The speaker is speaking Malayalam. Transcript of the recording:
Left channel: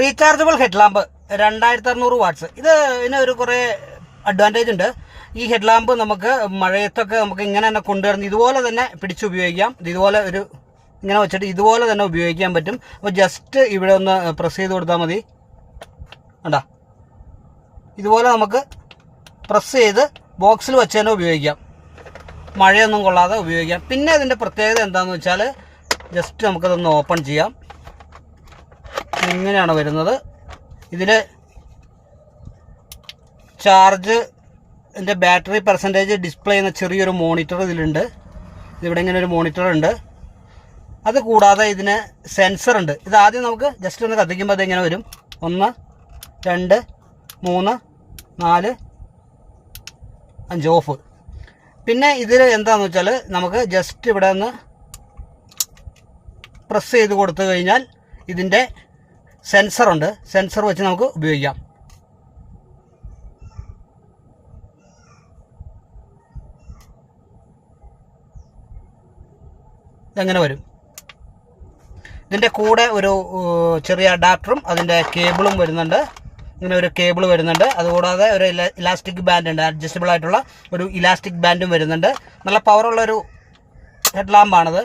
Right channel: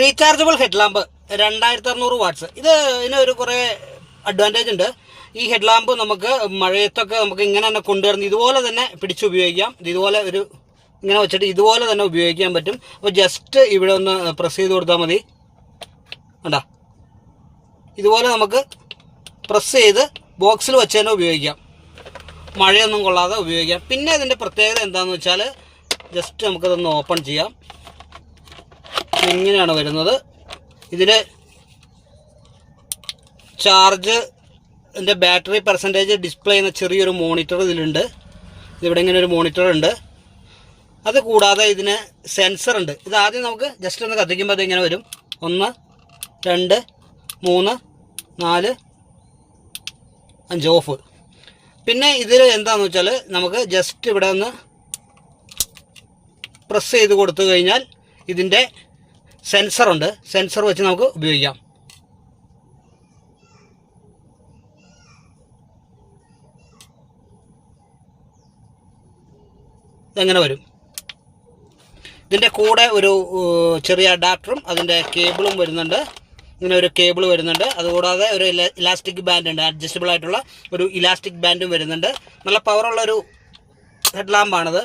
Rechargeable head lamp 2600 watts. ഇതിനൊരു കുറേ അഡ്വാൻറ്റേജ് ഉണ്ട്. ഈ ഹെഡ് ലാമ്പ് നമുക്ക് മഴയത്തൊക്കെ നമുക്ക് ഇങ്ങനെ തന്നെ കൊണ്ടുവരുന്ന ഇതുപോലെ തന്നെ പിടിച്ച് ഉപയോഗിക്കാം. ഇതുപോലെ ഇങ്ങനെ വെച്ചിട്ട് ഇതുപോലെ തന്നെ ഉപയോഗിക്കാൻ പറ്റും. അപ്പോൾ ജസ്റ്റ് ഇവിടെ ഒന്ന് പ്രസ് ചെയ്ത് കൊടുത്താൽ മതി. കണ്ടാ, ഇതുപോലെ നമുക്ക് പ്രസ് ചെയ്ത് ബോക്സിൽ വെച്ച് തന്നെ ഉപയോഗിക്കാം. മഴയൊന്നും കൊള്ളാതെ ഉപയോഗിക്കാം. പിന്നെ ഇതിൻ്റെ പ്രത്യേകത എന്താണെന്ന് വെച്ചാൽ ജസ്റ്റ് നമുക്കതൊന്ന് ഓപ്പൺ ചെയ്യാം. ഇങ്ങനെയാണ് വരുന്നത്. ഇതിന് ചാർജ് ഇതിൻ്റെ ബാറ്ററി പെർസെൻറ്റേജ് ഡിസ്പ്ലേ ചെയ്യുന്ന ചെറിയൊരു മോണിറ്റർ ഇതിലുണ്ട്. ഇതിവിടെ ഇങ്ങനെ ഒരു മോണിറ്റർ ഉണ്ട്. അത് കൂടാതെ ഇതിന് സെൻസർ ഉണ്ട്. ഇത് ആദ്യം നമുക്ക് ജസ്റ്റ് ഒന്ന് കത്തിക്കുമ്പോൾ അതിങ്ങനെ വരും. 1 2 3 4 5 ഓഫ്. പിന്നെ ഇതിൽ എന്താണെന്ന് വെച്ചാൽ നമുക്ക് ജസ്റ്റ് ഇവിടെ ഒന്ന് പ്രസ് ചെയ്ത് കൊടുത്തു കഴിഞ്ഞാൽ ഇതിൻ്റെ സെൻസറുണ്ട്. സെൻസർ വെച്ച് നമുക്ക് ഉപയോഗിക്കാം. ഇതെങ്ങനെ വരും. ഇതിൻ്റെ കൂടെ ഒരു ചെറിയ അഡാപ്റ്ററും അതിൻ്റെ കേബിളും വരുന്നുണ്ട്. ഇങ്ങനെ ഒരു കേബിൾ വരുന്നുണ്ട്. അതുകൂടാതെ ഒരു ഇലാസ്റ്റിക് ബാൻഡ് ഉണ്ട്. അഡ്ജസ്റ്റബിൾ ആയിട്ടുള്ള ഒരു ഇലാസ്റ്റിക് ബാൻഡും വരുന്നുണ്ട്. നല്ല പവറുള്ളൊരു ഹെഡ് ലാമ്പാണിത്.